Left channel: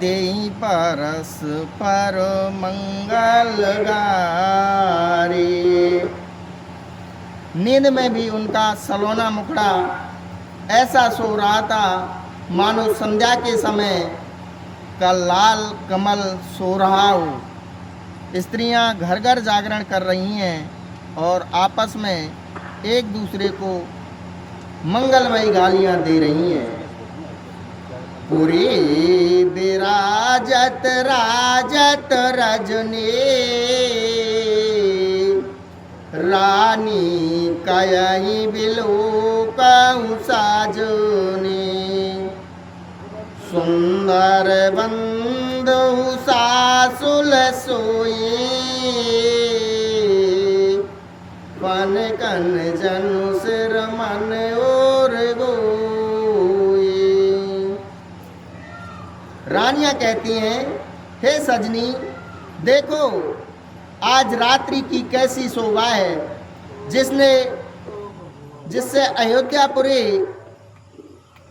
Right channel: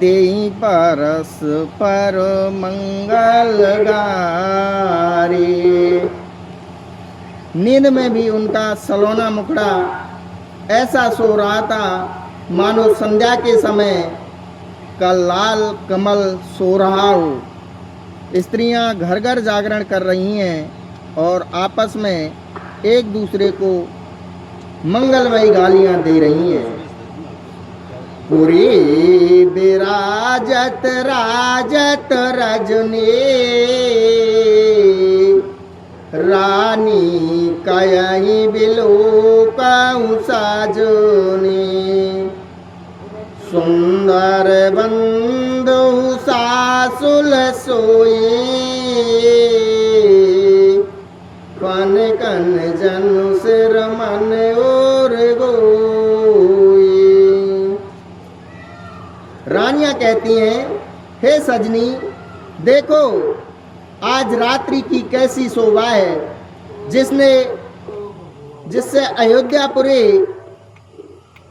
देई परस पर मंगल गारी। नींद में भी उनका सलोना मुखड़ा ऐसा सो रहा था मानो संध्या के समय का लाल कमल सो रहा हो। स्त्रियां घर घर जागरण कर रही हैं और आपस में एक दूसरे को मंगलमयी गालियां दे रही हैं। पूरी बिराजत राजत रजनी, रानी कयई बिलो कहूँ साजनी। सुंदर बंधु सासुल सोई, कन कन जनु सिर मन और गोई। रानियां कहती हैं, हे सजनी देखो आज रात्रि की कैसी शोभा है, जिससे अयोध्यापुरी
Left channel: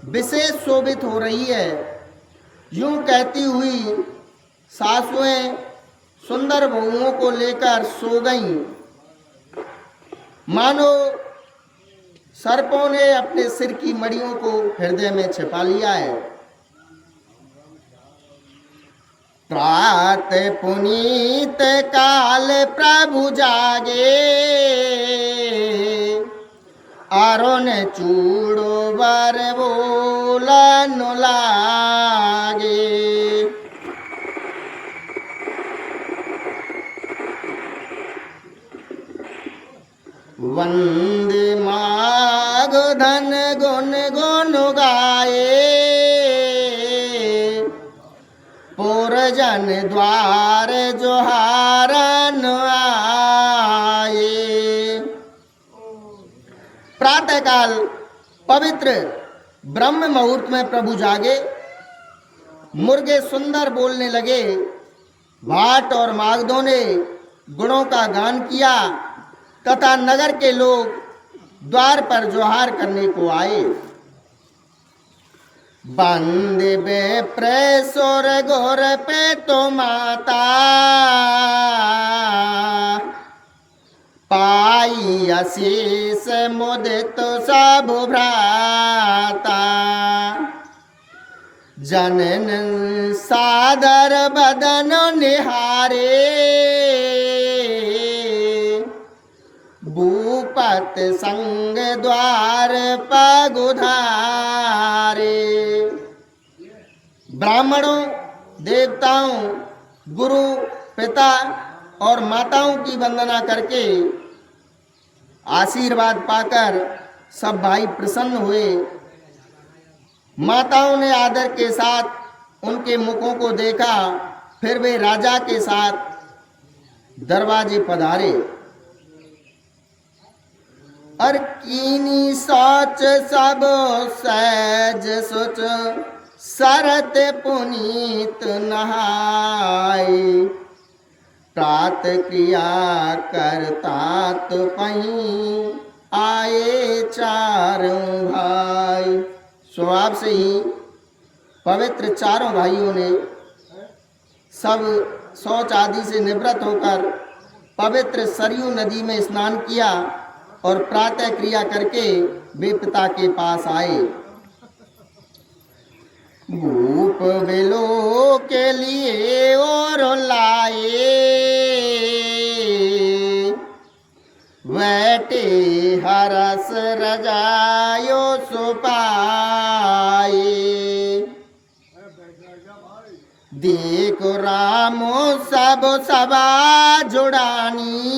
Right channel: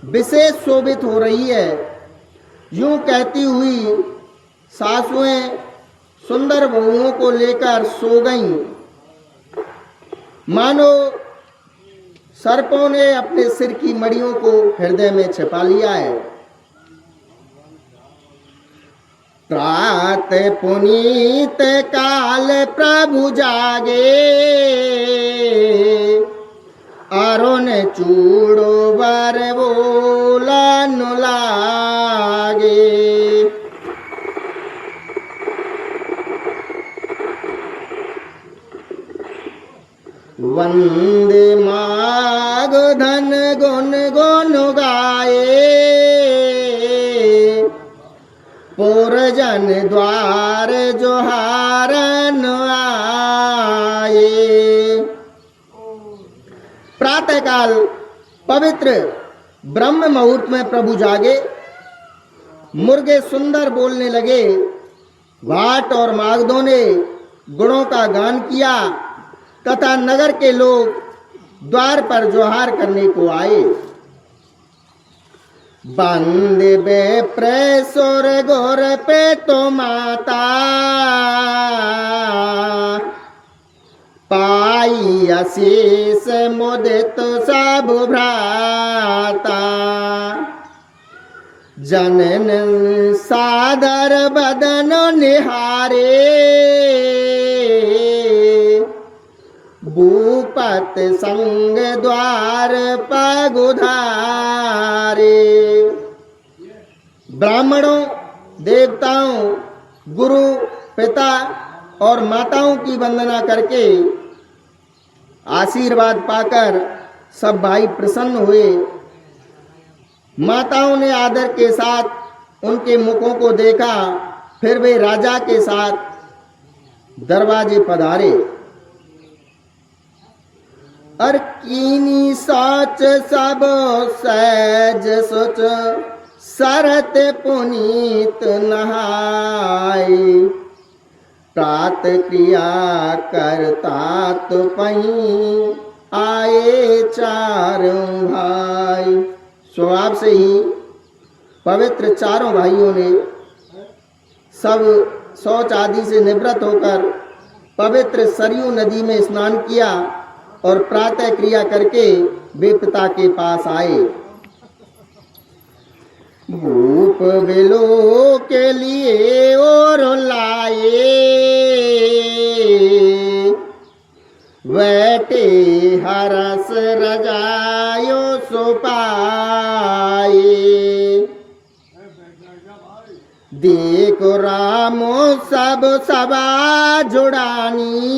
विशेष शोभित हो रही है। यूं कहती हुई सासुएं सुंदर बहुओं को लेकर सो गईं, मानो सर्पों ने अपने सिर की मड़ियों को हृदय में छिपा लिया है। प्रात पुनीत काल प्रभु जागे, अरुण चूड़ो बर बोलन लागे। वंदे माग धन गुण गुण गाए, पुरजन द्वार जोहारन आए। प्रातःकाल पवित्र ब्रह्म मुहूर्त में प्रभु जागे, मुर्गे सुंदर बोलने लगे, भाट और मागधों ने गुणों का गान किया तथा नगर के लोग द्वार पर जोहार करने को आए। बंदे बेप्रेसोर गोर पे तो माता, पाई आशीष मुदित सब भ्राता। जनन सादर बदन निहारे, भूपत संग द्वार पगुधारे। ब्राह्मणों, देवताओं, गुरु, पिता और माताओं की वंदना करके आशीर्वाद पाकर सब भाई प्रसन्न हुए। माताओं ने आदर के साथ उनके मुखों को देखा, फिर वे राजा के साथ दरवाजे पधारे। अर कीनी सोच सब सहज सोच, सरत पुनीत नहाय। प्रात क्रिया करता तो पही, आए चारों भाई। स्वभाव से ही पवित्र चारों भाइयों ने सब शौच आदि से निवृत्त होकर पवित्र सरयू नदी में स्नान किया और प्रातः क्रिया करके वे पिता के पास आए। भूप बिलो के लिए और लाए, बैठे हरस रजायो सुपाए। देखो रामो सब सभा जुड़ानी,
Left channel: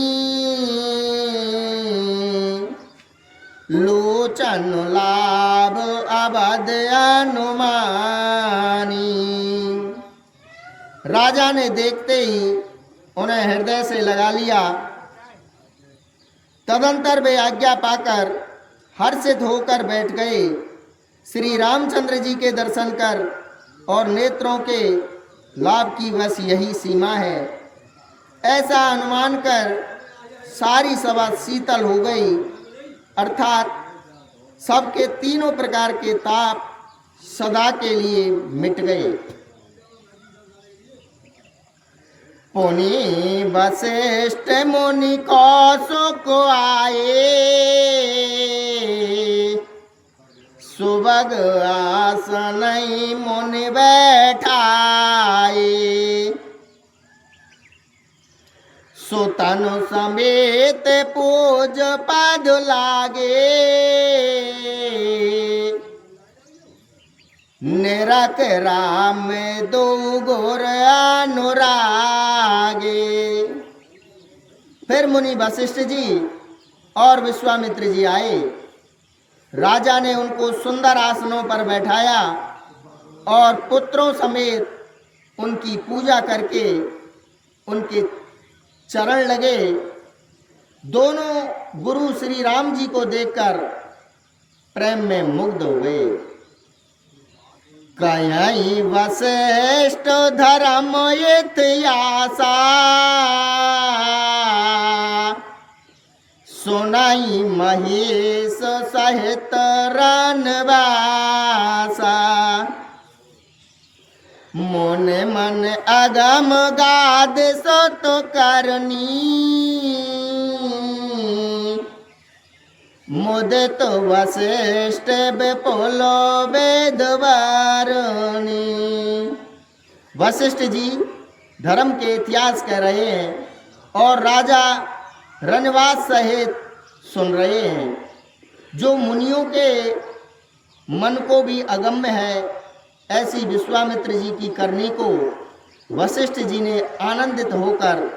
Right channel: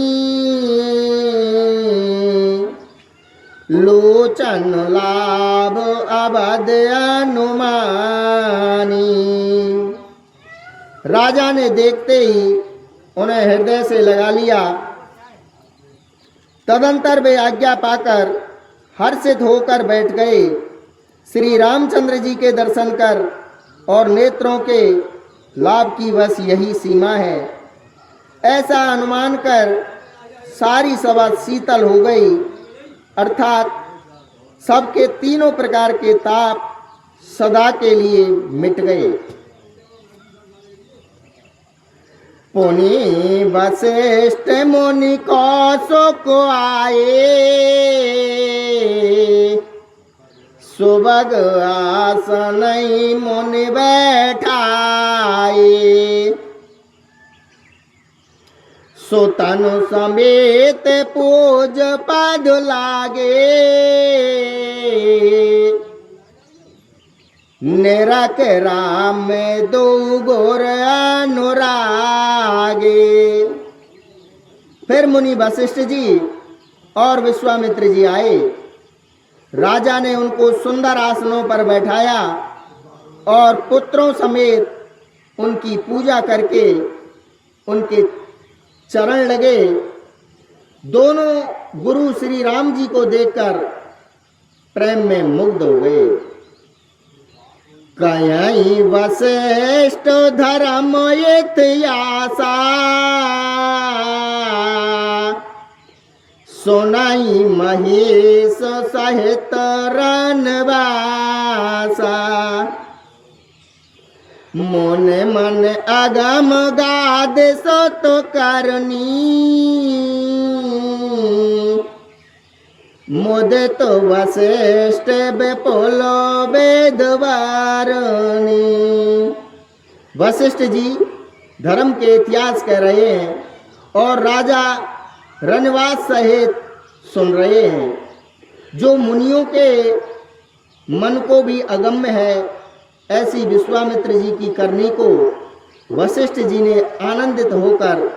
लोचन लाभ अवध अनुमानी। राजा ने देखते ही उन्हें हृदय से लगा लिया। तदंतर वे आज्ञा पाकर हर्षित होकर बैठ गए। श्री रामचंद्र जी के दर्शन कर और नेत्रों के लाभ की बस यही सीमा है। ऐसा अनुमान कर सारी सभा शीतल हो गई, अर्थात सबके तीनों प्रकार के ताप सदा के लिए मिट गए। पुनि वशिष्ठ मुनि कौशोक आए, सुभग आसन मुनि बैठाए। सो तनु समेत पूज पद लागे, निरख राम दो गुर अनुरागे। फिर मुनि वशिष्ठ जी और विश्वामित्र जी आए। राजा ने उनको सुंदर आसनों पर बैठाया और पुत्रों समेत उनकी पूजा करके उनके चरण लगे। दोनों गुरु श्री राम जी को देखकर प्रेम में मुग्ध हो गए। कहीं वशिष्ठ धर्म इतिहासा, सुनाई महेश सहित रनवासा। मन मन अगम गाद सत करनी, मुदित वशिष्ठ विपुल वेद वारणी। वशिष्ठ जी धर्म के इतिहास कह रहे हैं और राजा रनवास सहित सुन रहे हैं। जो मुनियों के मन को भी अगम्य है, ऐसी विश्वामित्र जी की करनी को वशिष्ठ जी ने आनंदित होकर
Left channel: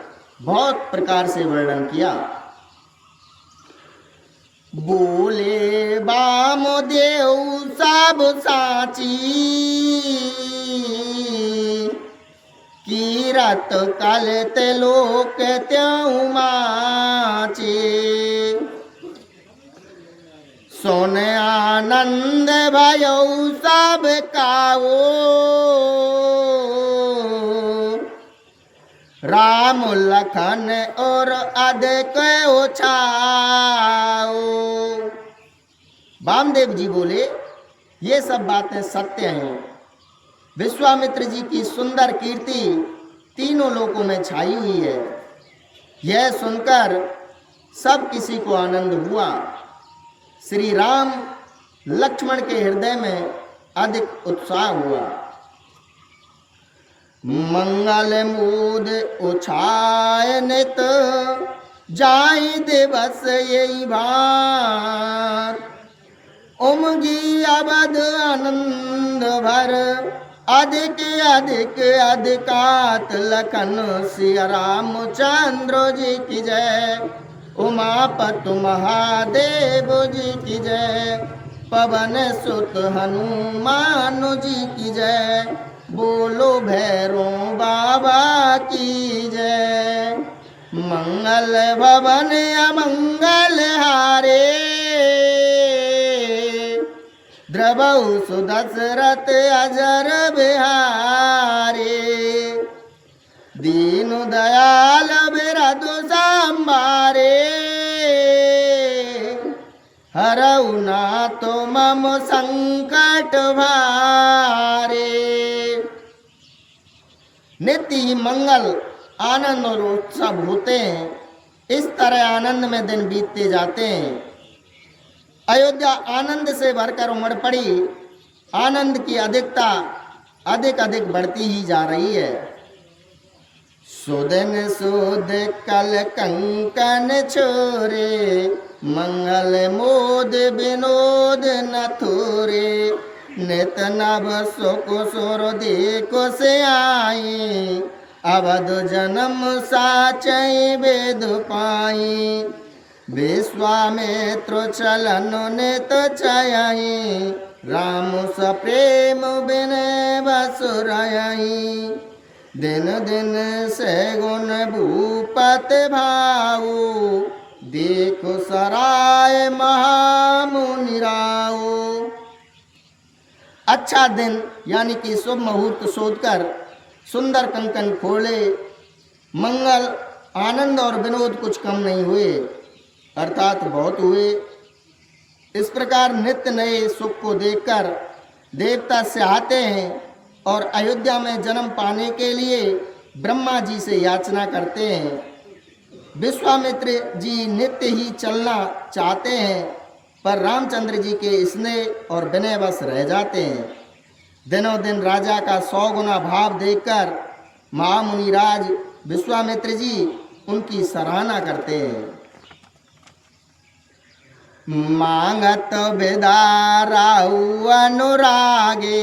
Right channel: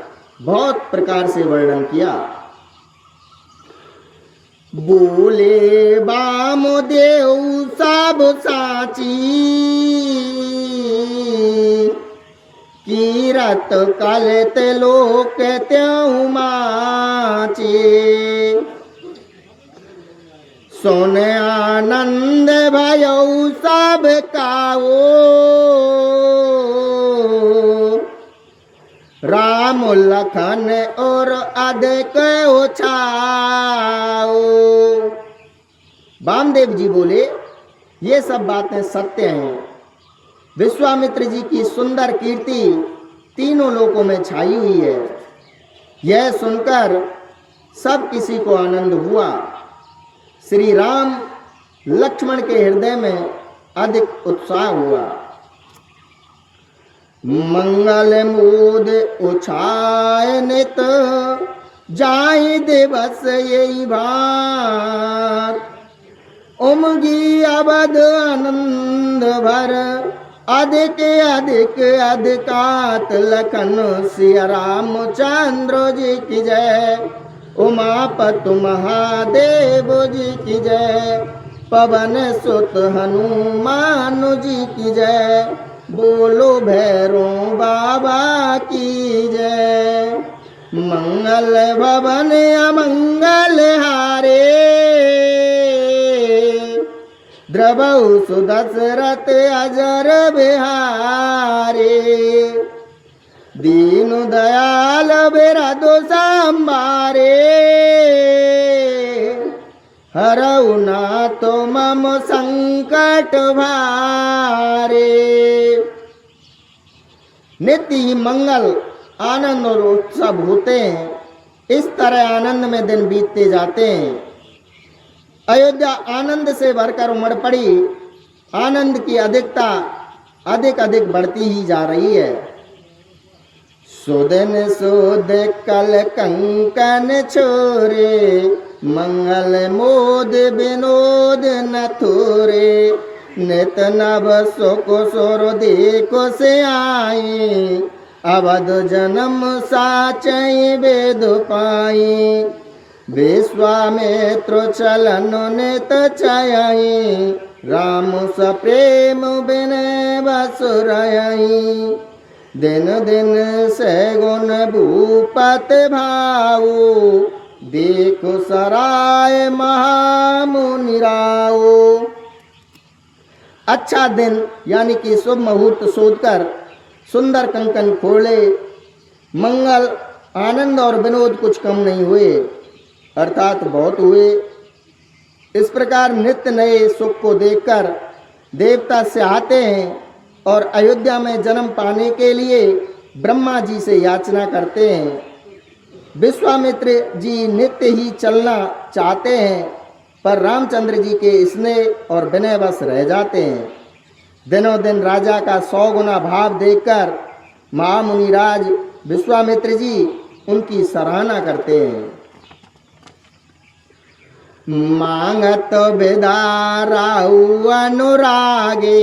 बहुत प्रकार से वर्णन किया। बोले वामदेव सब साची, कीरत कलत लोक त्यों माचे। सोन आनंद भयो सब काओ, राम लखन और अधिक उछाओ। वामदेव जी बोले, ये सब बातें सत्य हैं। विश्वामित्र जी की सुंदर कीर्ति तीनों लोकों में छाई हुई है। यह सुनकर सब किसी को आनंद हुआ। श्री राम लक्ष्मण के हृदय में अधिक उत्साह हुआ। मंगल मूद उछाय नित, जाय दिवस यही भार। उमगी अवध आनंद भर, अधिक अधिक अधिकात लखन सिया रामचंद्र जी की जय। उमापति महादेव जी की जय, पवन सुत हनुमान जी की जय। बोलो भैरो बाबा की जय। मंगल भवन अमंगल हारे, द्रवहु सुदशरथ अजर बिहारे। दीन दयाल बिरधु संभारे, हरऊ नाथ मम संकट भारे। नित्य मंगल आनंद और उत्सव होते हैं। इस तरह आनंद में दिन बीतते जाते हैं। अयोध्या आनंद से भरकर उमड़ पड़ी। आनंद की अधिकता अधिक अधिक बढ़ती ही जा रही है। सुदिन सुद कल कंकन छोरे, मंगल मोद विनोद न थोरे। नित नभ सुख सुर देखो से आई, अवध जन्म साचई वेद पाई। विश्वामित्र चलन नित चयई, राम स प्रेम बिनय बसुरयई। दिन दिन से गुण भूपत भाऊ, देखो सराय महामुनि राऊ। अच्छा दिन यानी कि शुभ मुहूर्त शोधकर सुंदर कंकन खोले। मंगल आनंद और विनोद कुछ कम नहीं हुए, अर्थात बहुत हुए। इस प्रकार नित्य नए सुख को देखकर देवता चाहते हैं और अयोध्या में जन्म पाने के लिए ब्रह्मा जी से याचना करते हैं। विश्वामित्र जी नित्य ही चलना चाहते हैं, पर रामचंद्र जी के स्नेह और विनयवश रह जाते हैं। दिनों दिन राजा का 100 गुना भाव देखकर महामुनिराज विश्वामित्र जी उनकी सराहना करते हैं। मांगत बेदाराऊ अनुरागे,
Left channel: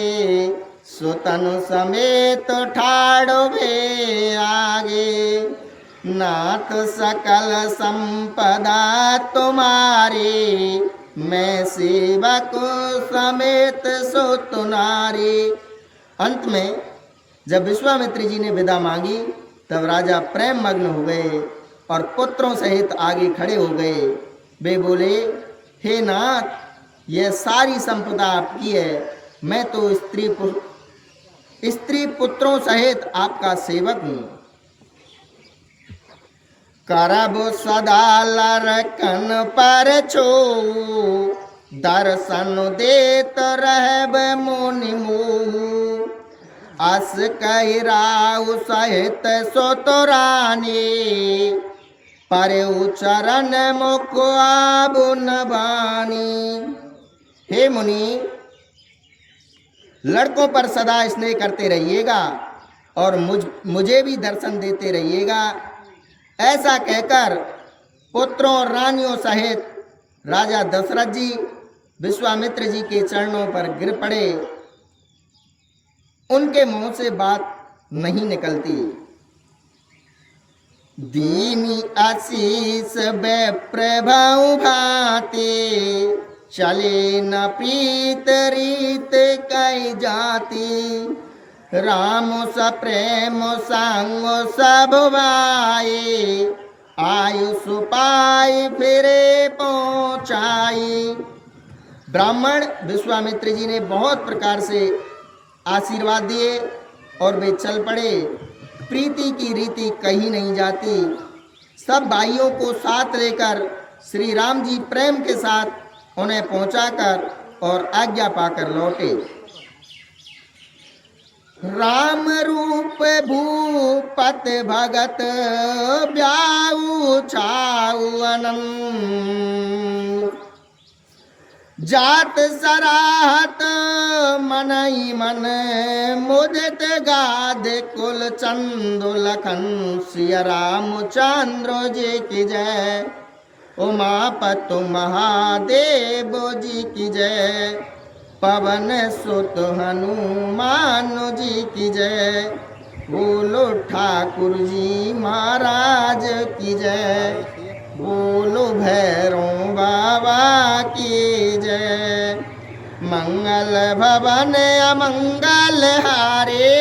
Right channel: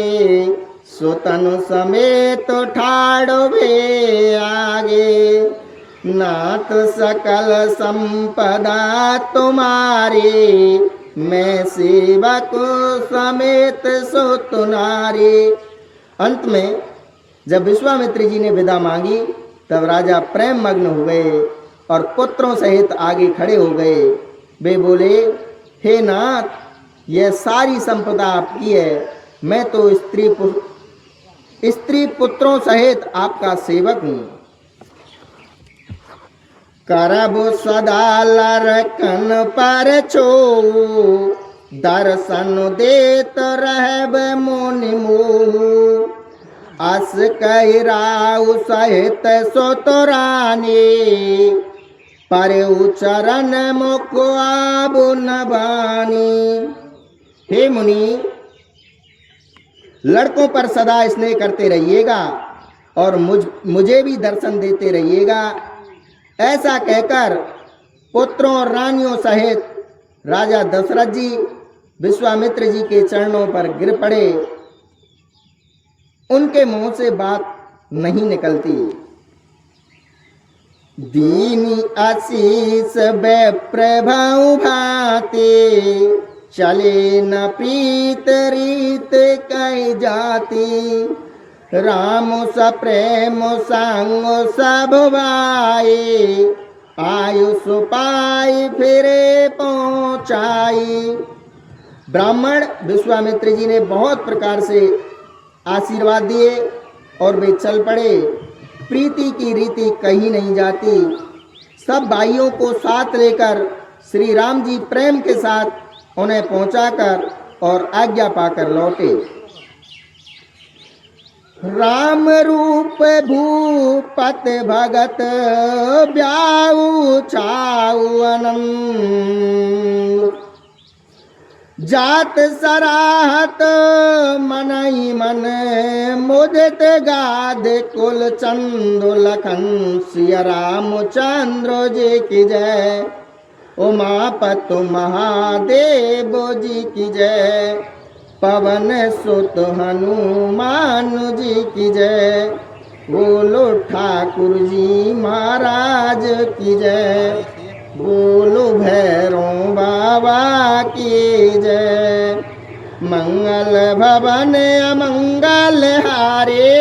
सुतनु समेत ठाड़ो भे आगे। नाथ सकल संपदा तुम्हारी, मैं सेवक समेत सो तुम्हारी। अंत में जब विश्वामित्र जी ने विदा मांगी तब राजा प्रेम मग्न हुए और पुत्रों सहित आगे खड़े हो गए। वे बोले, हे नाथ, यह सारी संपदा आपकी है, मैं तो स्त्री पुत्रों सहित आपका सेवक हूँ। करब सदा लरकन पर छो, दर्शन देत रहब मुनि मोह। अस कहि राउ सहित सो तो रानी, पर चरण मुख आब न बानी। हे मुनि, लड़कों पर सदा स्नेह करते रहिएगा और मुझे भी दर्शन देते रहिएगा। ऐसा कहकर पुत्रों और रानियों सहित राजा दशरथ जी विश्वामित्र जी के चरणों पर गिर पड़े। उनके मुंह से बात नहीं निकलती। दीनी आशीष प्रभाव भाते, चले न प्रीत रीत कई जाती। राम सा प्रेम संग सब भाई, आयुष पाई फिरे पहुँचाई। ब्राह्मण विश्वामित्र जी ने बहुत प्रकार से आशीर्वाद दिए और वे चल पड़े। प्रीति की रीति कही नहीं जाती। सब भाइयों को साथ लेकर श्री राम जी प्रेम के साथ उन्हें पहुंचाकर और आज्ञा पाकर लौटे। राम रूप भूपत भगत ब्याऊ छाऊ अनंत, जात सराहत मनई मन मुदित गाद कुल चंदो लखन। सिया रामचंद्र जी की जय, उमापति महादेव जी की जय। पवन सुत हनुमान जी की जय, बोलो ठाकुर जी महाराज की जय। बोलो भैरव बाबा की जय। मंगल भवन अमंगल हारे,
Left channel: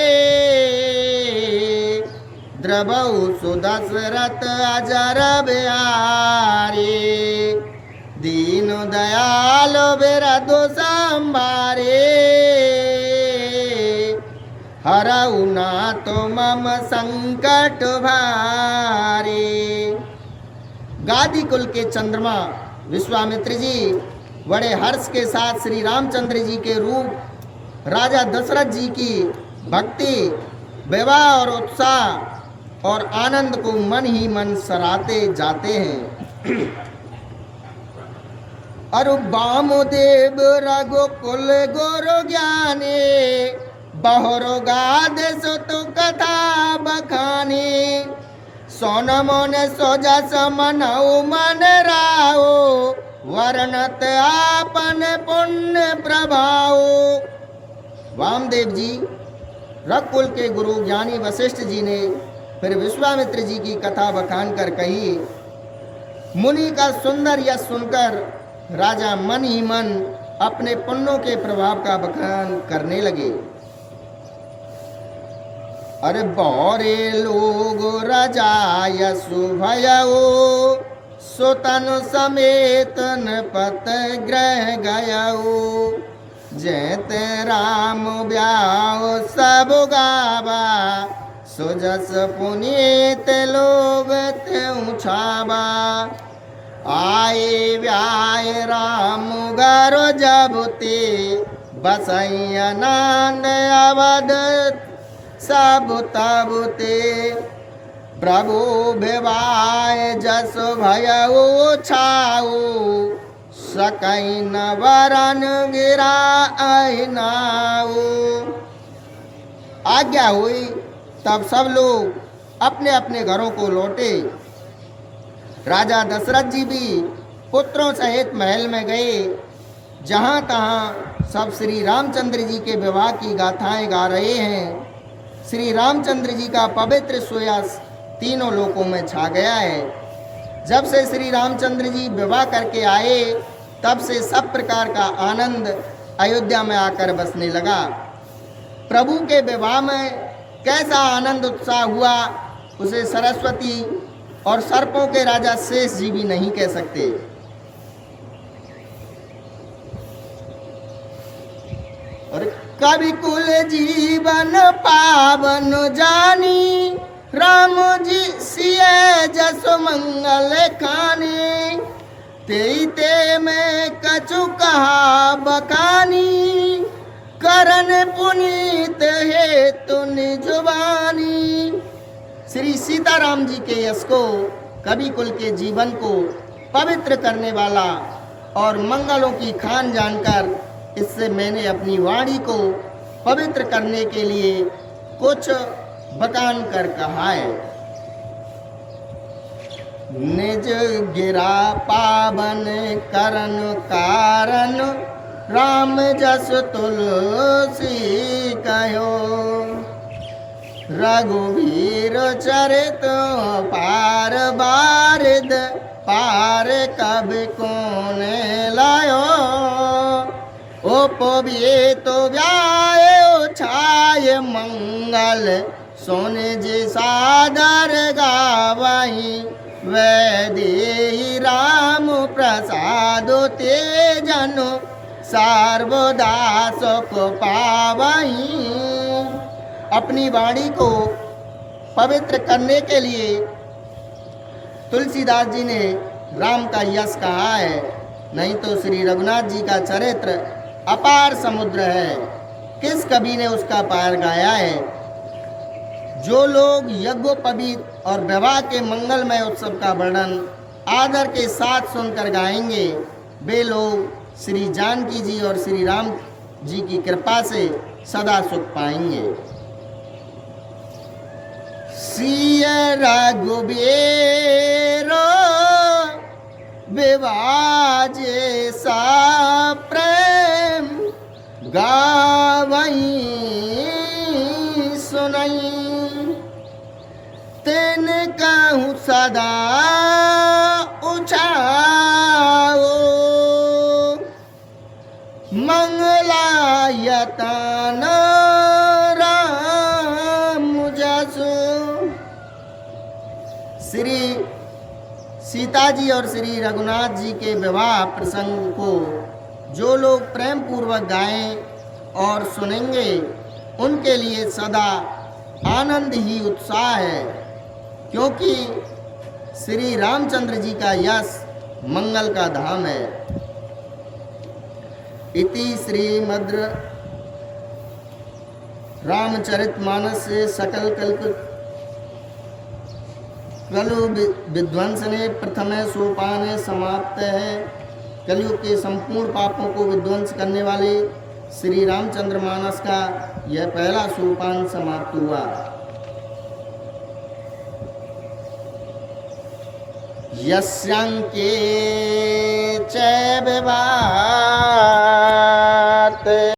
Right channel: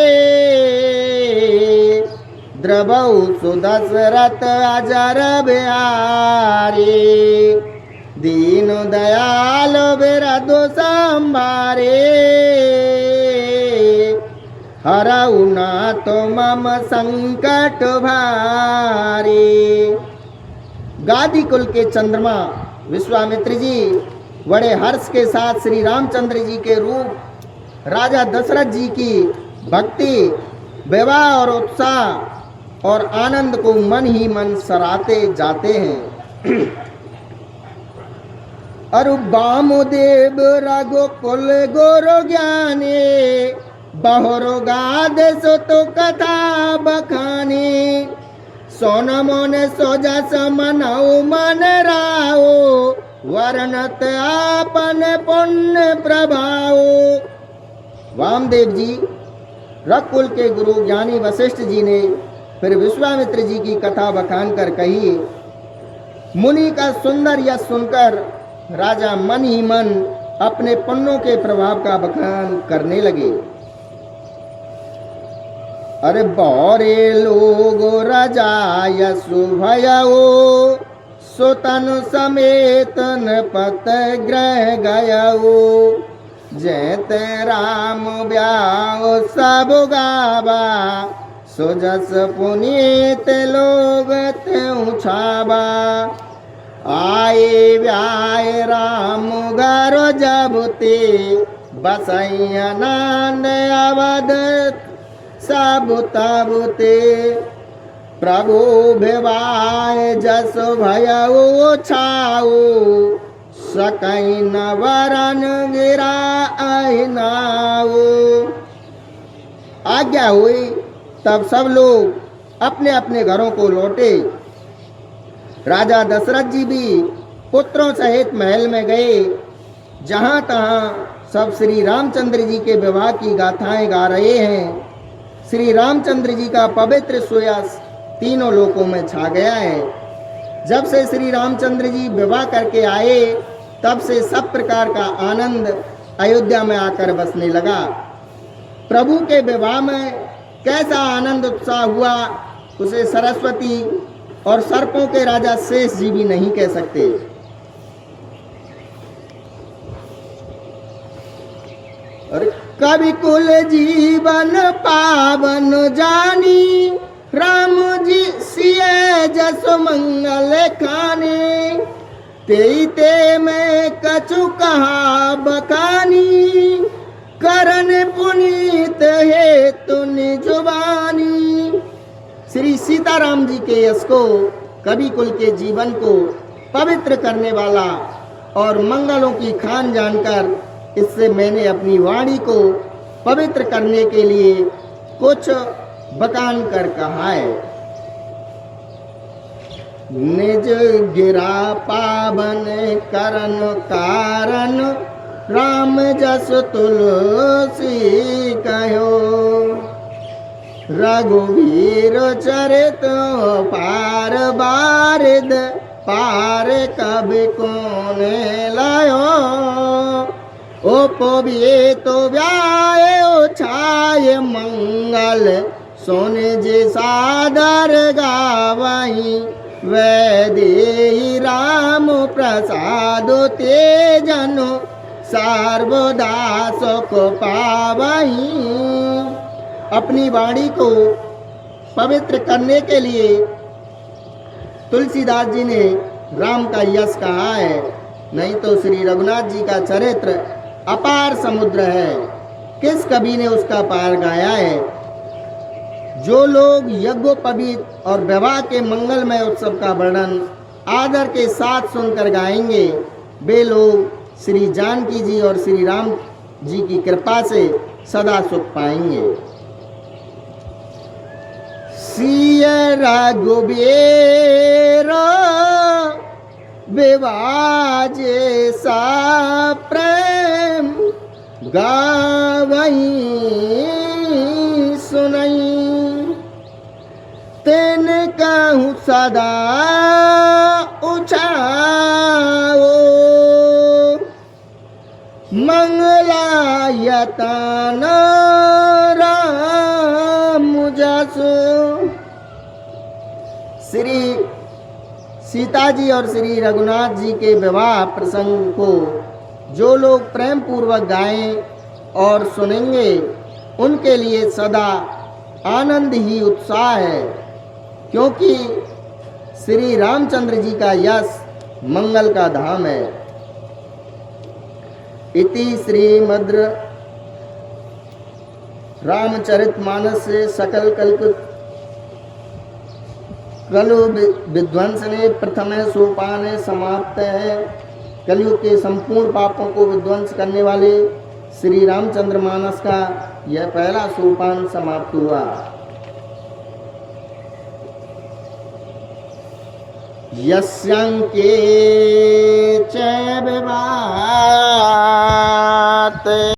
द्रवौ सुदशरथ अजर बिहारी। दीन दयाल बिरधु संभारे, हरऊ नाथ मम संकट भारी। गादी कुल के चंद्रमा विश्वामित्र जी बड़े हर्ष के साथ श्री रामचंद्र जी के रूप, राजा दशरथ जी की भक्ति, विवाह और उत्साह और आनंद को मन ही मन सराहते जाते हैं। अरु वामुदेव रघुकुल गुरु ज्ञानी, बहुरो गाद सुत कथा बखानी। सोन मोन सोजस मनऊ मन राओ, वर्णत आपन पुण्य प्रभाव। वामदेव जी रघुकुल के गुरु ज्ञानी वशिष्ठ जी ने फिर विश्वामित्र जी की कथा बखान कर कही। मुनि का सुंदर यश सुनकर राजा मन ही मन अपने पुण्यों के प्रभाव का बखान करने लगे। अरे बौरे लोग राजा यशु भयऊ, सुतन समेत नपत ग्रह गयऊ। जैत राम ब्याह सब गावा, सुजस पुनीत लोग त्यों छावा। आए व्याय राम घर जब ते बसई आनंद अवध सब तब ते प्रभु भिवाय जस भयउ छाऊ सकई न वरन गिरा नाऊ। आज्ञा हुई तब सब लोग अपने अपने घरों को लौटे। राजा दशरथ जी भी पुत्रों सहित महल में गए। जहाँ तहाँ सब श्री रामचंद्र जी के विवाह की गाथाएं गा रहे हैं। श्री रामचंद्र जी का पवित्र सुयस तीनों लोकों में छा गया है। जब से श्री रामचंद्र जी विवाह करके आए तब से सब प्रकार का आनंद अयोध्या में आकर बसने लगा। प्रभु के विवाह में कैसा आनंद उत्साह हुआ उसे सरस्वती और सर्पों के राजा शेष जी भी नहीं कह सकते। और कवि कुल जीवन पावन जानी राम जी सिए जस मंगल खाने ते में कछु कहा बकानी करन पुनीत हेतु निजुबानी। श्री सीताराम जी के यश को कवि कुल के जीवन को पवित्र करने वाला और मंगलों की खान जानकर इससे मैंने अपनी वाणी को पवित्र करने के लिए कुछ बकान कर कहा है। निज गिरा पावन करन कारण राम जस तुलसी कहो रघुवीर चरित पार बारिद पार कभी कोने लायो उपविए तो व्याय छाय मंगल सोने जे सादर गावही वैदेही राम प्रसाद तेजनो सर्वदा सुख पावही। अपनी वाणी को पवित्र करने के लिए तुलसीदास जी ने राम का यश कहा है। नहीं तो श्री रघुनाथ जी का चरित्र अपार समुद्र है, किस कवि ने उसका पार गाया है। जो लोग यज्ञोपवीत और विवाह के मंगलमय उत्सव का वर्णन आदर के साथ सुनकर गाएंगे वे लोग श्री जानकी जी और श्री राम जी की कृपा से सदा सुख पाएंगे। सिय रघुबीर विवाजे सा प्रेम गावई सुनई तेन कहूँ सदा उछाओ मंगलायतन राम जसो। श्री सीता जी और श्री रघुनाथ जी के विवाह प्रसंग को जो लोग प्रेम पूर्वक गाएं और सुनेंगे उनके लिए सदा आनंद ही उत्साह है, क्योंकि श्री रामचंद्र जी का यश मंगल का धाम है। इति श्रीमद् रामचरितमानस से सकल कलु विध्वंसने प्रथम सोपान समाप्त है। कलयुग के संपूर्ण पापों को विध्वंस करने वाले श्री रामचंद्र मानस का यह पहला सोपान समाप्त हुआ। यस्यांके